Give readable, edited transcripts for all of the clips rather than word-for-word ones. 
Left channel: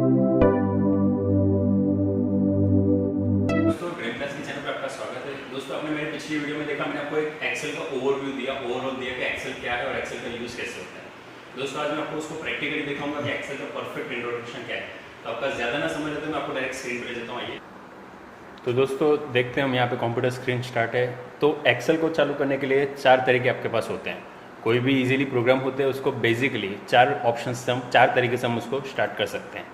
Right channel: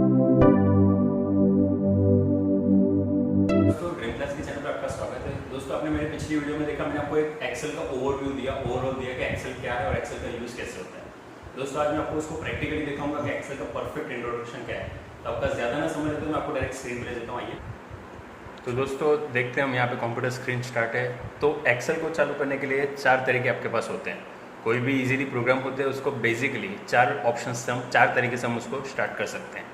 दोस्तों dream class के channel पर आपका स्वागत है। दोस्तों आपने मेरी पिछली वीडियो में देखा, मैंने आपको एक एक्सेल का ओवरव्यू दिया, ओवरऑल दिया कि एक्सेल क्या है और एक्सेल का यूज़ कैसे होता है। दोस्तों आज मैं आपको उसको प्रैक्टिकली दिखाऊंगा कि एक्सेल का परफेक्ट इंट्रोडक्शन क्या है। तो आपका ज़्यादा ना समझ लेते मैं आपको डायरेक्ट स्क्रीन पर ले जाता हूँ। आइए तो दोस्तों देखते हैं हम यहाँ पे कंप्यूटर स्क्रीन स्टार्ट है। तो एक्सेल को चालू करने के लिए 4 तरीके आपके पास होते हैं। कोई भी इजीली प्रोग्राम होते हैं उसको बेसिकली 4 ऑप्शन से हम 4 तरीके से हम उसको स्टार्ट कर सकते हैं।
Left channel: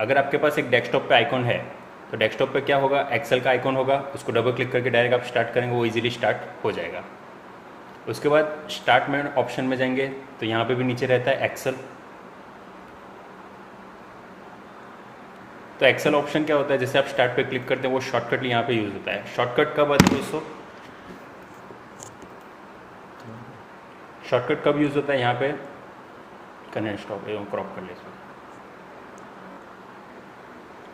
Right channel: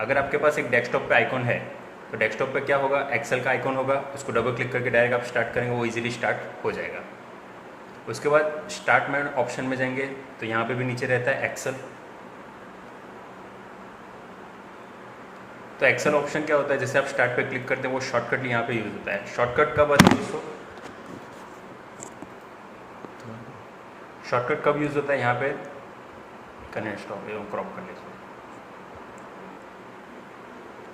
अगर आपके पास एक डेस्कटॉप पे आइकॉन है तो डेस्कटॉप पे क्या होगा, एक्सेल का आइकॉन होगा, उसको डबल क्लिक करके डायरेक्ट आप स्टार्ट करेंगे, वो इजीली स्टार्ट हो जाएगा। उसके बाद स्टार्ट में ऑप्शन में जाएंगे तो यहाँ पे भी नीचे रहता है एक्सेल। तो एक्सेल ऑप्शन क्या होता है, जैसे आप स्टार्ट पे क्लिक करते हैं वो शॉर्टकट यहाँ पे यूज़ होता है। शॉर्टकट कब आता है दोस्तों, शॉर्टकट कब यूज़ होता है, यहाँ पे करना स्टॉप एवं क्रॉप कर ले।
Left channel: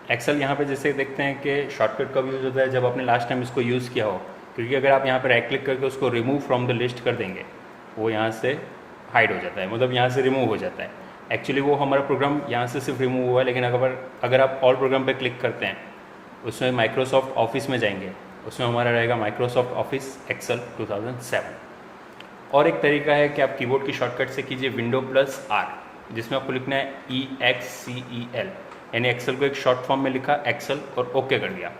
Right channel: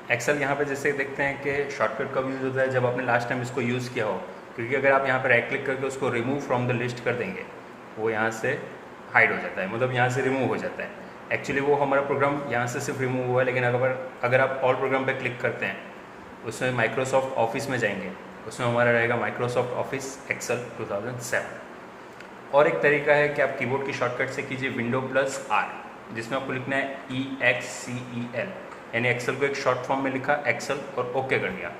एक्सेल यहाँ पे जैसे देखते हैं कि शॉर्टकट कब यूज़ होता है, जब आपने लास्ट टाइम इसको यूज़ किया हो। क्योंकि अगर आप यहाँ पर राइट क्लिक करके उसको रिमूव फ्रॉम द लिस्ट कर देंगे, वो यहाँ से हाइड हो जाता है, मतलब यहाँ से रिमूव हो जाता है। एक्चुअली वो हमारा प्रोग्राम यहाँ से सिर्फ रिमूव हुआ है, लेकिन अगर आप ऑल प्रोग्राम पे क्लिक करते हैं, उसमें माइक्रोसॉफ्ट ऑफिस में जाएंगे, उसमें हमारा रहेगा माइक्रोसॉफ्ट ऑफिस एक्सेल 2007। और एक तरीका है कि आप कीबोर्ड की शॉर्टकट से कीजिए Windows+R, जिसमें आपको लिखना है EXCEL, यानी एक्सेल को एक शॉर्ट फॉर्म में लिखा एक्सेल और ओके कर दिया,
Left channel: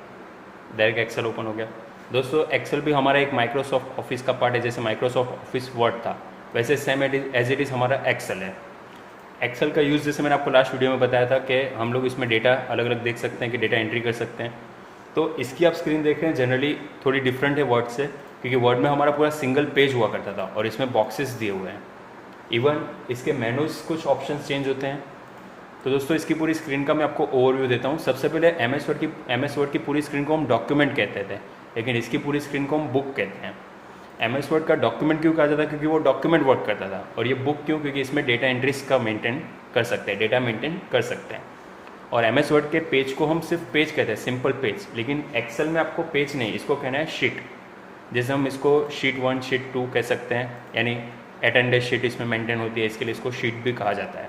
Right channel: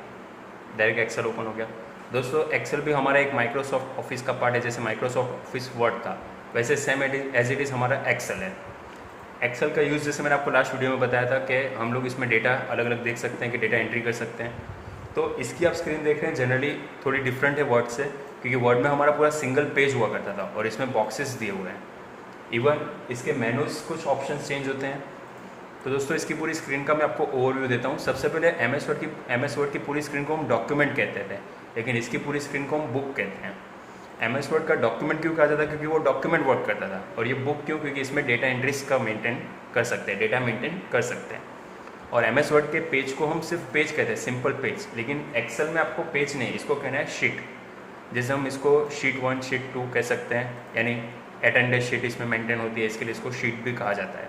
डायरेक्ट एक्सेल ओपन हो गया। दोस्तों एक्सेल भी हमारा एक माइक्रोसॉफ्ट ऑफिस का पार्ट है। जैसे माइक्रोसॉफ्ट ऑफिस वर्ड था, वैसे सेम एज इट इज़ हमारा एक्सेल है। एक्सेल का यूज़ जैसे मैंने आपको लास्ट वीडियो में बताया था कि हम लोग इसमें डेटा अलग अलग देख सकते हैं, कि डेटा एंट्री कर सकते हैं। तो इसकी आप स्क्रीन देख रहे हैं, जनरली थोड़ी डिफरेंट है वर्ड से, क्योंकि वर्ड में हमारा पूरा सिंगल पेज हुआ करता था और इसमें बॉक्सेस दिए हुए हैं। इवन इसके मेनूज कुछ ऑप्शन चेंज होते हैं। तो दोस्तों इसकी पूरी स्क्रीन का मैं आपको ओवरव्यू देता हूँ। सबसे पहले एम एस वर्ड की पूरी स्क्रीन को हम डॉक्यूमेंट कहते थे, लेकिन इसकी पूरी स्क्रीन को हम बुक कहते हैं। एम एस वर्ड का डॉक्यूमेंट क्यों कहा जाता है, क्योंकि वो डॉक्यूमेंट वर्क करता था। और ये बुक क्यों, क्योंकि इसमें डेटा एंट्रीज का मेंटेन कर सकते हैं, डेटा मेंटेन कर सकते हैं। और एम एस वर्ड के पेज को हम सिर्फ पेज कहते हैं, सिंपल पेज। लेकिन एक्सेल में आपको पेज नहीं, इसको कहना है शीट। जैसे हम इसको शीट 1 शीट 2 कह सकते हैं, यानी अटेंडेंस शीट इसमें मेंटेन होती है, इसके लिए इसको शीट भी कहा जाता है।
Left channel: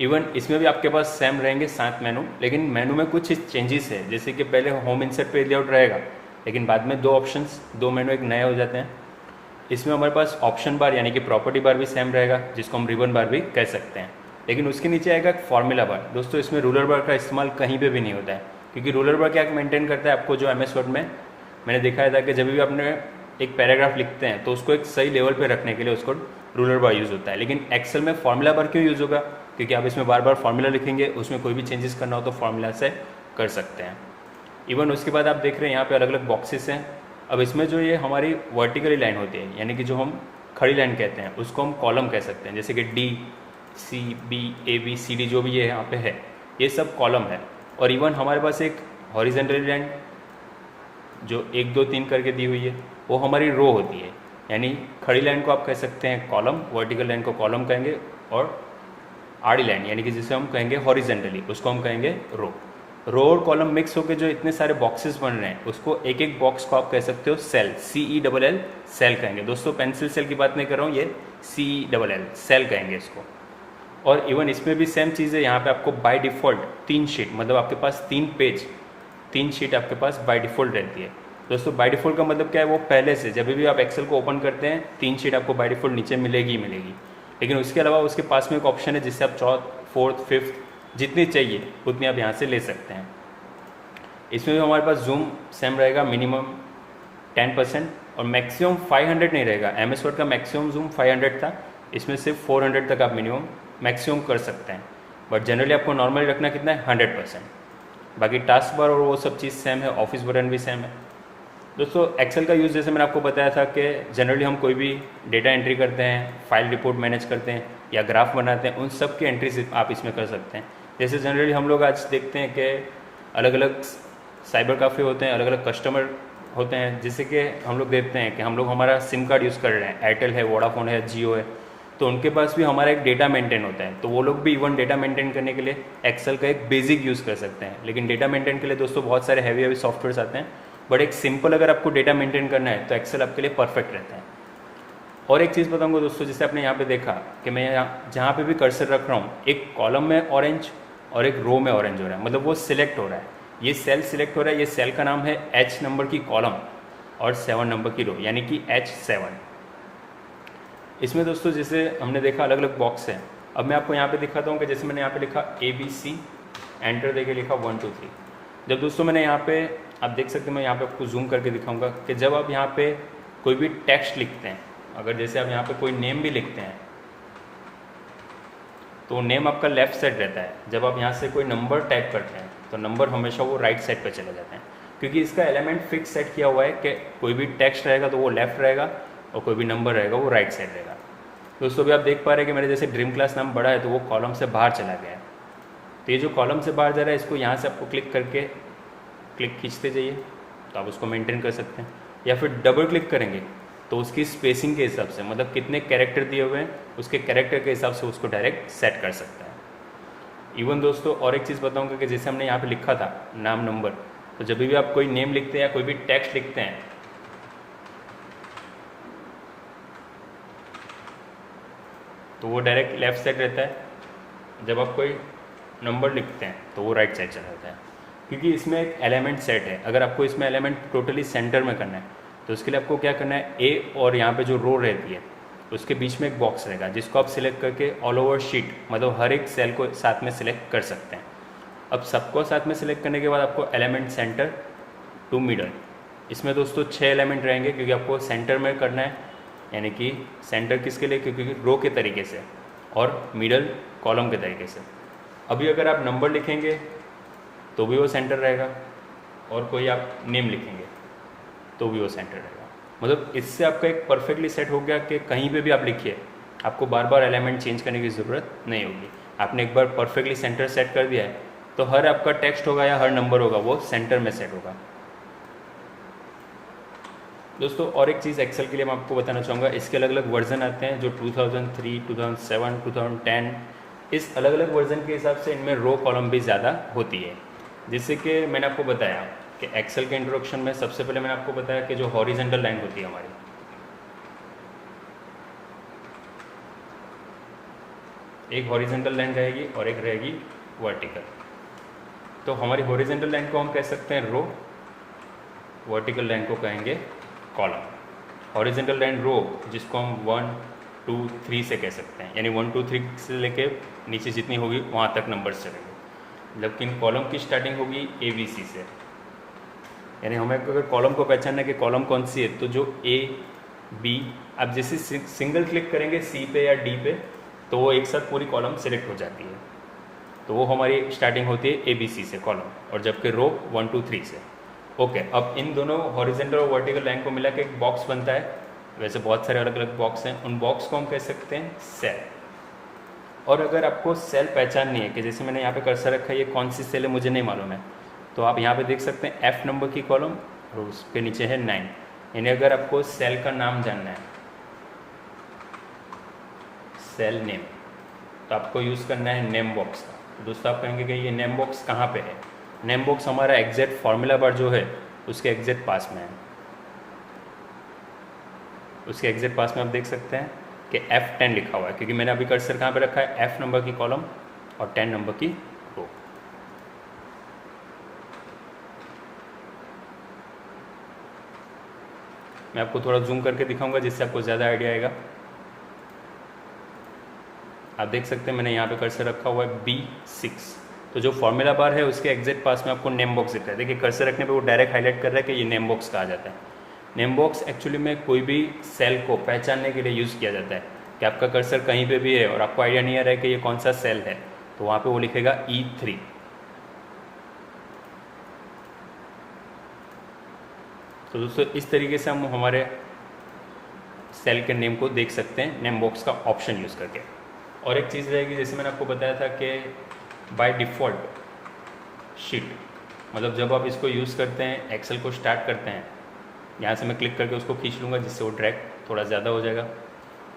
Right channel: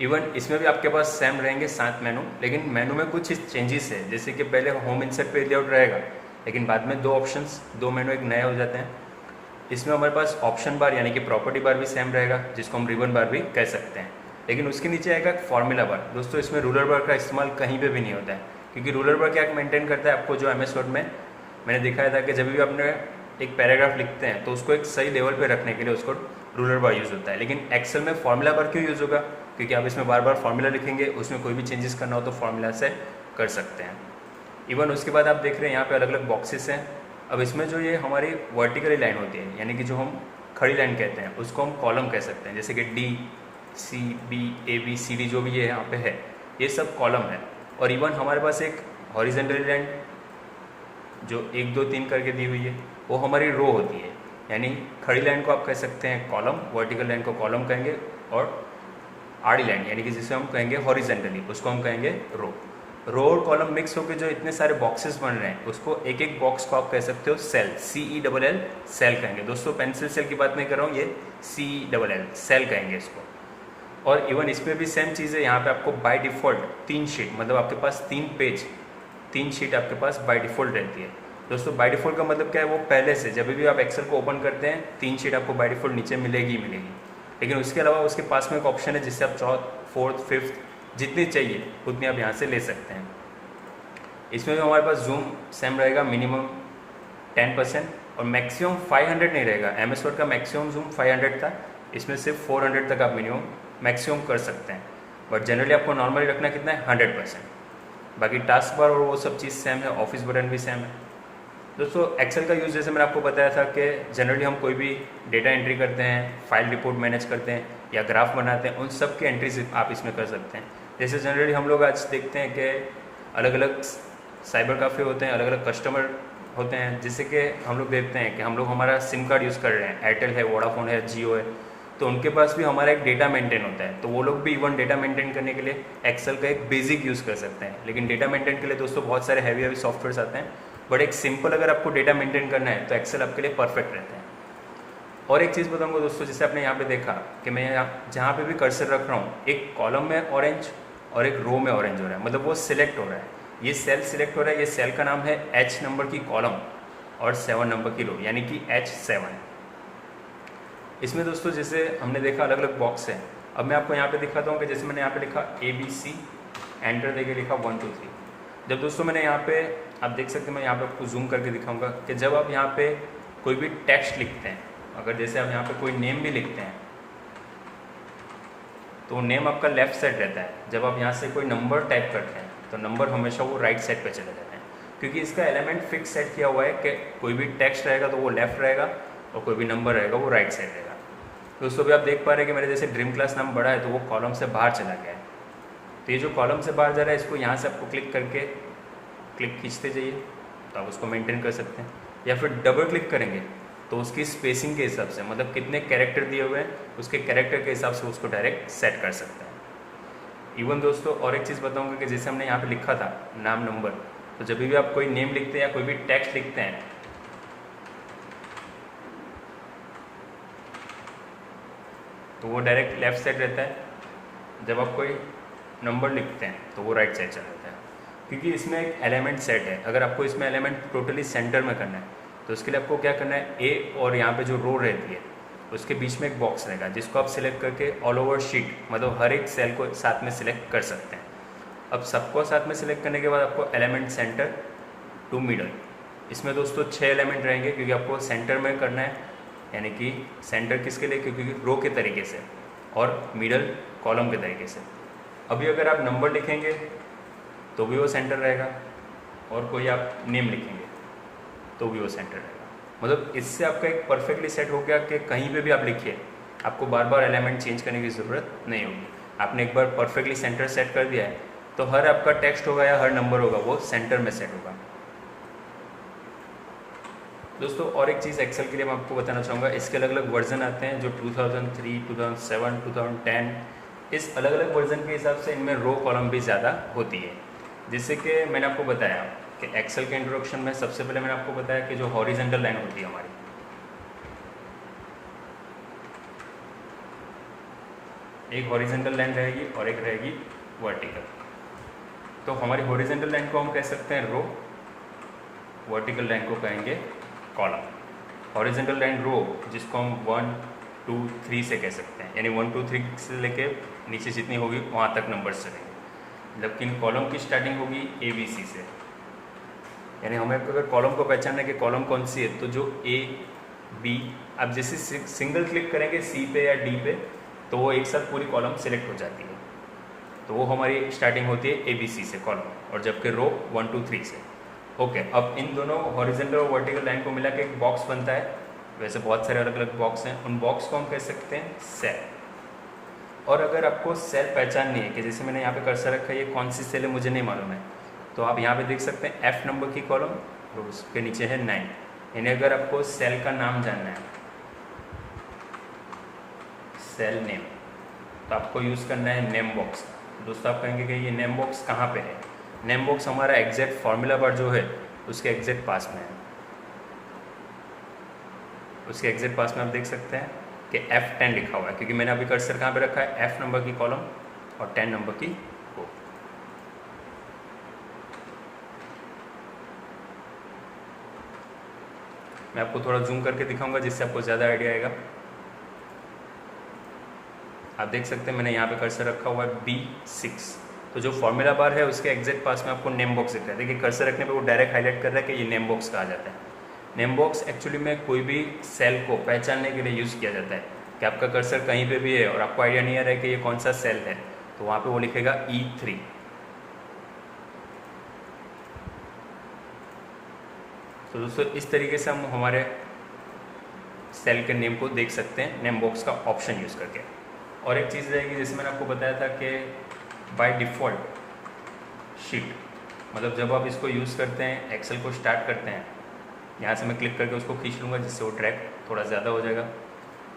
इवन इसमें भी आपके पास सेम रहेंगे 7 मेनू, लेकिन मेनू में कुछ चेंजेस है। जैसे कि पहले होम इंसर्ट पेज लेआउट रहेगा, लेकिन बाद में 2 ऑप्शंस, 2 मेनू एक नए हो जाते हैं। इसमें हमारे पास ऑप्शन बार यानी कि प्रॉपर्टी बार भी सेम रहेगा, जिसको हम रिबन बार भी कह सकते हैं। लेकिन उसके नीचे आएगा फॉर्मूला बार। दोस्तों इसमें रूलर बार का इस्तेमाल कहीं पे भी नहीं होता है, क्योंकि रूलर बार क्या मेंटेन करता है, आपको जो एम एस वर्ड में मैंने दिखाया था कि जब भी आपने एक पैराग्राफ लिखते हैं तो उसको एक सही लेवल पे रखने के लिए उसको रूलर बार यूज़ होता है। लेकिन एक्सेल में फॉर्मूला बार क्यों यूज़ होगा, क्योंकि आप इसमें बार बार फॉर्मूला लिखेंगे, उसमें कोई भी चेंजेस करना हो तो फॉर्मूला से कर सकते हैं। इवन उसके बाद आप देख रहे हैं यहाँ पे अलग अलग बॉक्सेस हैं। अब इसमें जो ये हमारी वर्टिकली लाइन होती है, यानी कि जो हम खड़ी लाइन कहते हैं, उसको हम कॉलम कह सकते हैं। जैसे कि DCBABCD जो भी ये यहाँ पे है, ये सब कॉलम है। और इवन हमारे पास एक हॉरिजेंटली लाइन जो 1 2 3 करके दी हुई है, वो हमारी रो होती है। यानी खड़ी लाइन को आप कह सकते हैं कॉलम, वर्टिकल लाइन को कॉलम कहेंगे, और आड़ी लाइन यानी कि जिसे हम कहेंगे हॉरिजेंटली, उसको हम कहेंगे रो। रो और कॉलम मिक्स होकर जो इतने सारे बॉक्सेस बन रहे हैं, उसको एक एक बॉक्स को आप कह सकते हो सेल, CELL सेल कहेंगे। दोस्तों पेंसिल सेल की बात नहीं कर रहा हूँ, ये CELL सेल कहेंगे इसको। और इवन इसमें भी सेम चीज़ है। यहाँ पे आपको बाय डिफ़ॉल्ट 3 शीट, मतलब आपके पास 3 पेज, 3 शीट आपके पास बाय डिफ़ॉल्ट रहती है। दोस्तों बाय डिफ़ॉल्ट का मतलब क्या है, वो पहले से जब भी आप एक्सेल को ओपन करते हैं 3 शीट आपको बाय डिफ़ॉल्ट नीचे मिलेगी ही मिलेगी। लेकिन उसके अलावा उसके पास में एक ऑप्शन है जिससे आप 4th 5th जितनी चाहिए उतनी आप यहाँ से ले सकते हैं। इसमें भी हमारे पास जूम सेम रहेगा, मिनिमम 10% और मैक्सिमम 500 नहीं रहेगा। एम एस वर्ड का मैक्सिमम जूम 500 था, इसमें सिर्फ 400 तक आप मिनिमम मैक्सिमम कर सकते हैं। बट जनरली आपको नॉर्मली रखना कितना है, 100%। बाकी टास्क बार और वो सब चीज़ सेम है, ऑफिस बटन भी सेम है। दोस्तों एक्सेल का यूज़ जैसे मैंने आपको बताया था कि जनरली हम कोई भी डेटा एंट्री करते हैं, फाइल रिपोर्ट मैनेज करते हैं या ग्राफ बनाते हैं, उन सब की एंट्रीज आप इसमें कर सकते हैं। जैसे जनरली हम लोग आज देखते हैं कि अलग अलग साइबर काफ़े होते हैं, अलग अलग कस्टमर होते हैं। जैसे कि हम लोग देखते हैं कि हम लोग हमारा सिम कार्ड यूज़ कर रहे हैं, एयरटेल है, वोडाफोन है, जियो है, तो उनके पास भी हमारा एक डेटा मेंटेन होता है। तो वो लोग भी इवन डेटा मेंटेन करने के लिए एक्सेल का एक बेसिक यूज़ कर सकते हैं। लेकिन डेटा मेंटेन के लिए दोस्तों बहुत सारे हैवी सॉफ्टवेयर्स आते हैं, बट एक सिंपल अगर आपको डेटा मेंटेन करना है तो एक्सेल आपके लिए परफेक्ट रहता है। और एक चीज़ बताऊंगा दोस्तों, जैसे आपने यहाँ पे देखा कि मैं यहाँ जहाँ पे भी कर्सर रख रहा हूँ, एक कॉलम में ऑरेंज और एक रो में ऑरेंज हो रहा है, मतलब वो सिलेक्ट हो रहा है, ये सेल सिलेक्ट हो रहा है। ये सेल का नाम है H नंबर की कॉलम और 7 नंबर की रो, यानी कि H7। इसमें दोस्तों जैसे हमने देखा अलग अलग बॉक्स है। अब मैं आपको यहाँ पे दिखाता हूँ कि जैसे मैंने यहाँ पे लिखा ABC, एंटर देके लिखा 1 2 3। जब दोस्तों मैंने यहाँ पे, आप देख सकते हैं, मैं यहाँ पे आपको जूम करके दिखाऊंगा कि जब आप यहाँ पे कोई भी टेक्स्ट लिखते हैं, अगर जैसे आप यहाँ पे कोई नेम भी लिखते हैं तो नेम आपका लेफ्ट साइड रहता है। जब आप यहाँ से कोई नंबर टाइप करते हैं तो नंबर हमेशा वो राइट साइड पे चले जाते हैं, क्योंकि इसका एलिमेंट फिक्स सेट किया हुआ है कि कोई भी टेक्स्ट रहेगा तो वो लेफ्ट रहेगा और कोई भी नंबर रहेगा वो राइट साइड रहेगा। दोस्तों भी आप देख पा रहे हैं कि मेरे जैसे ड्रीम क्लास नाम बड़ा है तो वो कॉलम से बाहर चला गया है। तो ये जो कॉलम से बाहर जा रहा है, इसको यहाँ से आपको क्लिक करके क्लिक खींचते जाइए तो आप उसको मेंटेन कर सकते हैं, या फिर डबल क्लिक करेंगे तो उसकी स्पेसिंग के हिसाब से, मतलब कितने कैरेक्टर दिए हुए हैं उसके कैरेक्टर के हिसाब से उसको डायरेक्ट सेट कर सकते हैं। इवन दोस्तों और एक चीज़ बताऊंगा कि जैसे हमने यहाँ पे लिखा था नाम नंबर, तो जब भी आप कोई नेम लिखते हैं या कोई भी टेक्स्ट लिखते हैं तो वो डायरेक्ट लेफ्ट साइड रहता है, जब आप कोई नंबर लिखते हैं तो वो राइट साइड चला जाता है, क्योंकि इसमें एक एलिमेंट सेट है। अगर आपको इसमें एलिमेंट टोटली सेंटर में करना है तो उसके लिए आपको क्या करना है, ए और यहाँ पे जो रो रहती है उसके बीच में एक बॉक्स रहेगा जिसको आप सिलेक्ट करके ऑल ओवर शीट, मतलब हर एक सेल को साथ में सिलेक्ट कर सकते हैं। अब सबको साथ में सिलेक्ट करने के बाद आपको एलिमेंट सेंटर टू मिडल, इसमें दोस्तों 6 एलिमेंट रहेंगे, क्योंकि आपको सेंटर में करना है, यानी कि सेंटर किसके लिए, क्योंकि रो के तरीके से, और मिडल कॉलम के तरीके से। अभी अगर आप नंबर लिखेंगे तो भी वो सेंटर रहेगा, और कोई आप नेम लिखेंगे तो भी वो सेंटर रहेगा। मतलब इससे आपका एक परफेक्टली सेट हो गया कि कहीं पे भी आप लिखिए, आपको बार बार एलिमेंट चेंज करने की ज़रूरत नहीं होगी। आपने एक बार परफेक्टली सेंटर सेट कर दिया है तो हर आपका टेक्स्ट होगा या हर नंबर होगा वो सेंटर में सेट होगा। दोस्तों और एक चीज़ एक्सेल के लिए मैं आपको बताना चाहूँगा, इसके अलग अलग वर्जन आते हैं, जो 2003, 2007, 2010, इस अलग अलग वर्जन के हिसाब से इनमें रो कॉलम भी ज़्यादा होती है। जैसे कि मैंने आपको बताया कि एक्सेल के इंट्रोडक्शन में सबसे पहले मैंने आपको बताया कि जो हॉरिजेंटल लाइन होती है हमारी, एक हॉरिजेंटल लाइन रहेगी और एक रहेगी वर्टिकल। तो हमारी हॉरिजेंटल लाइन को हम कह सकते हैं रो, वर्टिकल लाइन को कहेंगे कॉलम। हॉरिजेंटल लाइन रो जिसको हम 1 2 3 से कह सकते हैं, यानी 1 2 3 से लेके नीचे जितनी होगी वहाँ तक नंबर्स चलेंगे, लेकिन कॉलम की स्टार्टिंग होगी ABC से। यानी हमें अगर कॉलम को पहचानना है कि कॉलम कौन सी है, तो जो A B, आप जैसे सिंगल क्लिक करेंगे C पे या D पे तो वो एक साथ पूरी कॉलम सिलेक्ट हो जाती है, तो वो हमारी स्टार्टिंग होती है ABC से कॉलम, और जबकि रो 1 2 3 से। ओके, अब इन दोनों हॉरिजेंटल और वर्टिकल लाइन को मिला के एक बॉक्स बनता है। वैसे बहुत सारे अलग अलग बॉक्स हैं, उन बॉक्स को हम कह सकते हैं सेल। और अगर आपको सेल पहचाननी है कि जैसे मैंने यहाँ पे कर्सर रखा है, ये कौन सी सेल है मुझे नहीं मालूम है, तो आप यहाँ पे देख सकते हैं F नंबर की कॉलम और उसके नीचे है 9। यानी अगर आपको सेल का नाम जानना है, सेल नेम, तो आपको यूज़ करना है नेम बॉक्स का। तो दोस्तों आप कहेंगे कि ये नेम बॉक्स कहाँ पे है? नेम बॉक्स हमारा एग्जैक्ट फार्मूला बार जो है उसके एग्जैक्ट पास में है। उसके एग्जैक्ट पास में आप देख सकते हैं कि F10 लिखा हुआ है, क्योंकि मैंने अभी कर्सर कहाँ पे रखा है, F नंबर की कॉलम और 10 नंबर की रो। मैं आपको थोड़ा जूम करके दिखाऊंगा जिससे आपको ज़्यादा आइडिया आएगा। आप देख सकते हैं मैंने यहाँ पे कर्सर रखा हुआ है B6, तो जो फॉर्मूला बार है उसके एग्जैक्ट पास में आपको नेम बॉक्स दिख रहा है। देखिए कर्सर रखने पे वो डायरेक्ट हाईलाइट कर रहा है कि ये नेम बॉक्स कहा जाता है। नेम बॉक्स एक्चुअली में कोई भी सेल को पहचानने के लिए यूज़ किया जाता है कि आपका कर्सर कहीं पे भी है और आपको आइडिया नहीं आ रहा है कि ये कौन सा सेल है, तो वहाँ पे वो लिखेगा E3। तो दोस्तों इस तरीके से हम हमारे सेल के नेम को देख सकते हैं नेम बॉक्स का ऑप्शन यूज़ करके। और एक चीज़ रहेगी, जैसे मैंने आपको बताया था कि बाय डिफ़ॉल्ट शीट, मतलब जब आप इसको यूज़ करते हैं, एक्सेल को स्टार्ट करते हैं, यहाँ से मैं क्लिक करके उसको खींच लूँगा जिससे वो ड्रैग थोड़ा ज़्यादा हो जाएगा।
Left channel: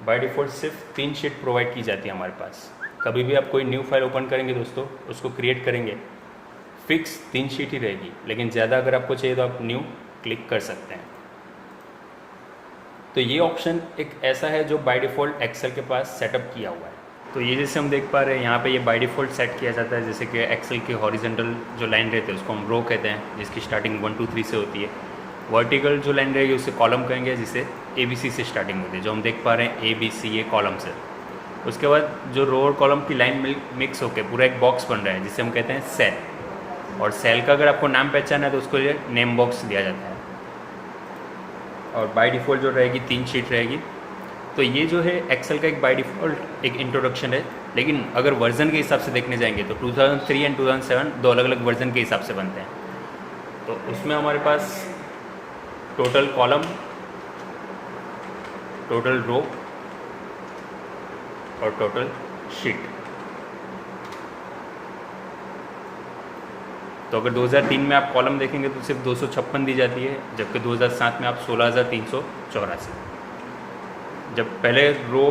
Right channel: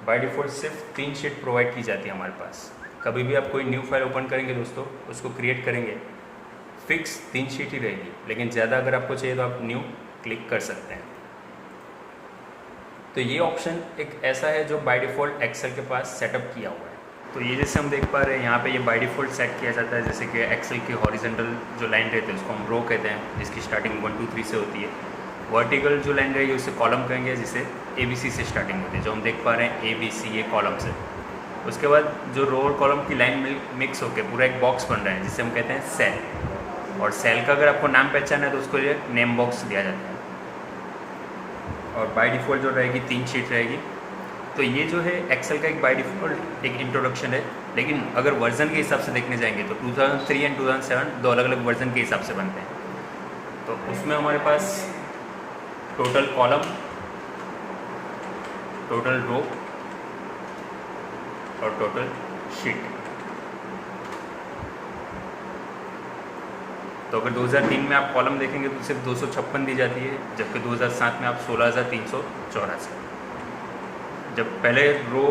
बाय डिफ़ॉल्ट सिर्फ 3 शीट प्रोवाइड की जाती है हमारे पास। कभी भी आप कोई न्यू फाइल ओपन करेंगे दोस्तों, उसको क्रिएट करेंगे, फिक्स 3 शीट ही रहेगी, लेकिन ज़्यादा अगर आपको चाहिए तो आप न्यू क्लिक कर सकते हैं। तो ये ऑप्शन एक ऐसा है जो बाय डिफ़ॉल्ट एक्सेल के पास सेटअप किया हुआ है। तो ये जैसे हम देख पा रहे हैं यहाँ पे ये बाय डिफ़ॉल्ट सेट किया जाता है, जैसे कि एक्सेल की हॉरिजेंटल जो लाइन रहती है उसको हम रो कहते हैं, जिसकी स्टार्टिंग 1 2 3 से होती है। वर्टिकल जो लाइन रहेगी उसे कॉलम कहेंगे, जिसे ABC से स्टार्टिंग होती है, जो हम देख पा रहे हैं ABC ये कॉलम से। उसके बाद जो रो और कॉलम की लाइन मिक्स होकर पूरा एक बॉक्स बन रहा है, जिसे हम कहते हैं सेल। और सेल का अगर आपको नाम पहचाना है तो उसको ये नेम बॉक्स दिया जाता है। और बाय डिफ़ॉल्ट जो रहेगी 3 शीट रहेगी। तो ये जो है एक्सेल का एक बाय डिफ़ॉल्ट एक इंट्रोडक्शन है। लेकिन अगर वर्जन के हिसाब से देखने जाएंगे तो 2003 एंड 2007 दो अलग अलग वर्जन के हिसाब से बनते हैं। तो उसमें हमारे पास टोटल कॉलम, टोटल रो और टोटल शीट। तो अगर 2003 में आप कॉलम देखेंगे तो सिर्फ 256 दी जाती है, जबकि 2007 में आप 16,384। जब पहले रो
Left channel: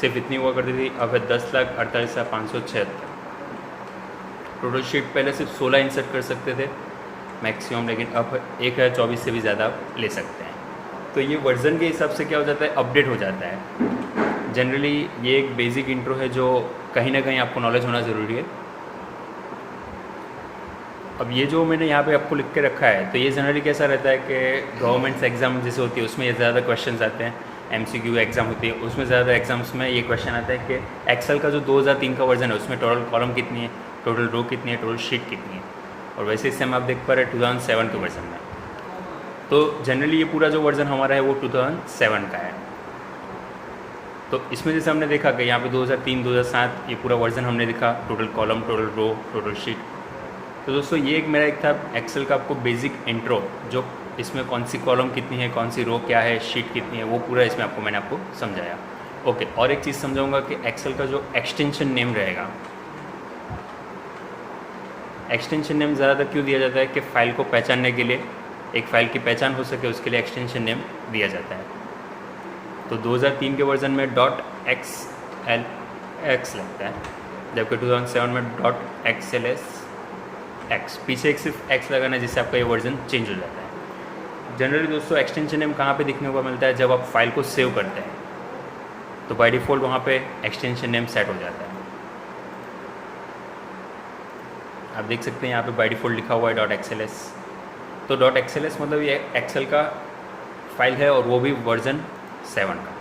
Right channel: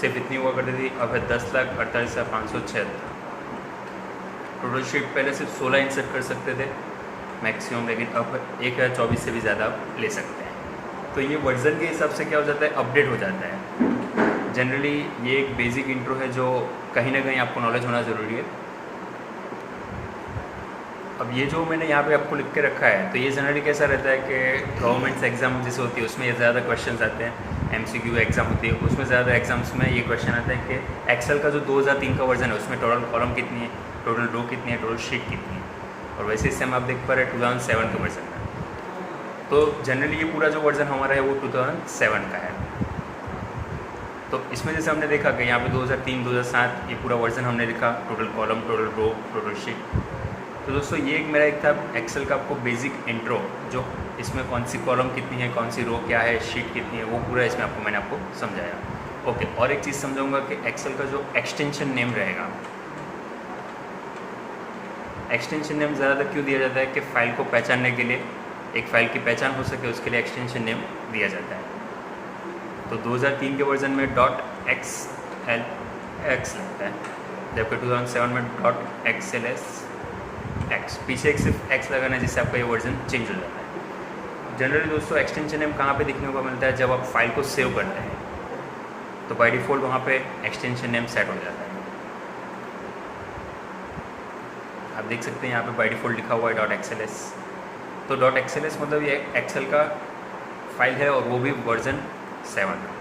सिर्फ इतनी हुआ करती थी, अब है 10,48,576। टोटल शीट पहले सिर्फ 16 इंसर्ट कर सकते थे मैक्सिमम, लेकिन अब 1,024 से भी ज़्यादा आप ले सकते हैं। तो ये वर्जन के हिसाब से क्या हो जाता है, अपडेट हो जाता है। जनरली ये एक बेसिक इंट्रो है जो कहीं ना कहीं आपको नॉलेज होना ज़रूरी है। अब ये जो मैंने यहाँ पे आपको लिख के रखा है, तो ये जनरली कैसा रहता है कि गवर्नमेंट्स एग्जाम जैसे होती है उसमें ये ज़्यादा क्वेश्चंस आते हैं। MCQ एग्ज़ाम होती है उसमें ज़्यादा एग्जाम्स में ये क्वेश्चन आता है कि एक्सेल का जो 2003 का वर्जन है उसमें टोटल कॉलम कितनी है, टोटल रो कितनी है, टोटल शीट कितनी है। और वैसे इस टाइम आप देख पा रहे हैं 2007 के वर्जन में। तो जनरली ये पूरा जो वर्जन हमारा है वो 2007 का है। तो इसमें जैसे हमने देखा कि यहाँ पे 2003 2007 ये पूरा वर्जन हमने लिखा, total column, total row, total sheet. तो दोस्तों ये एक मेरा एक था एक्सेल का आपको बेसिक इंट्रो, जो इसमें कौन सी कॉलम कितनी है, कौन सी रो क्या है, शीट कितनी है, वो पूरा इसमें मैंने आपको समझाया। ओके, और एक चीज़ समझाऊंगा कि एक्सेल का जो एक्सटेंशन नेम रहेगा, एक्सटेंशन नेम ज़्यादातर क्यों दिया जाता है कि फ़ाइल को पहचानने के लिए, एक फ़ाइल की पहचान हो सके उसके लिए एक्सटेंशन नेम दिया जाता है। तो 2003 के वर्जन में .xlx लगता है, जबकि 2007 में .xls x, पीछे एक सिर्फ x लगाना है जिससे आपका ये वर्जन चेंज हो जाता है। जनरली दोस्तों एक्सटेंशन नेम कहाँ पे दिखने को मिलता है, जब आप फाइल को सेव करते हैं तो बाय डिफ़ॉल्ट वहाँ पे एक्सटेंशन नेम सेट हो जाता है। आप देख सकते हैं यहाँ पे बाय डिफ़ॉल्ट लिखा हुआ है .xls। तो .xls मतलब ये एक्सेल का फाइल है और वो भी वर्जन 7 का।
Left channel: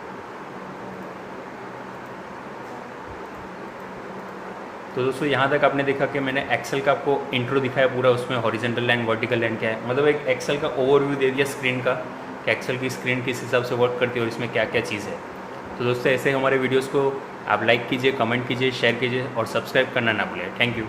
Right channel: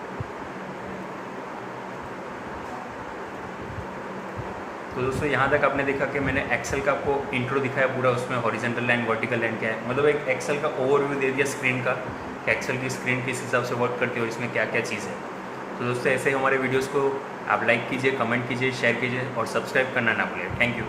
तो दोस्तों यहाँ तक आपने देखा कि मैंने एक्सेल का आपको इंट्रो दिखाया पूरा, उसमें हॉरिजेंटल लाइन वर्टिकल लाइन क्या है, मतलब एक एक्सेल का ओवरव्यू दे दिया स्क्रीन का कि एक्सेल की स्क्रीन किस हिसाब से वर्क करती है और इसमें क्या क्या चीज़ है। तो दोस्तों ऐसे हमारे वीडियोस को आप लाइक कीजिए, कमेंट कीजिए, शेयर कीजिए और सब्सक्राइब करना ना भूलें। Thank you.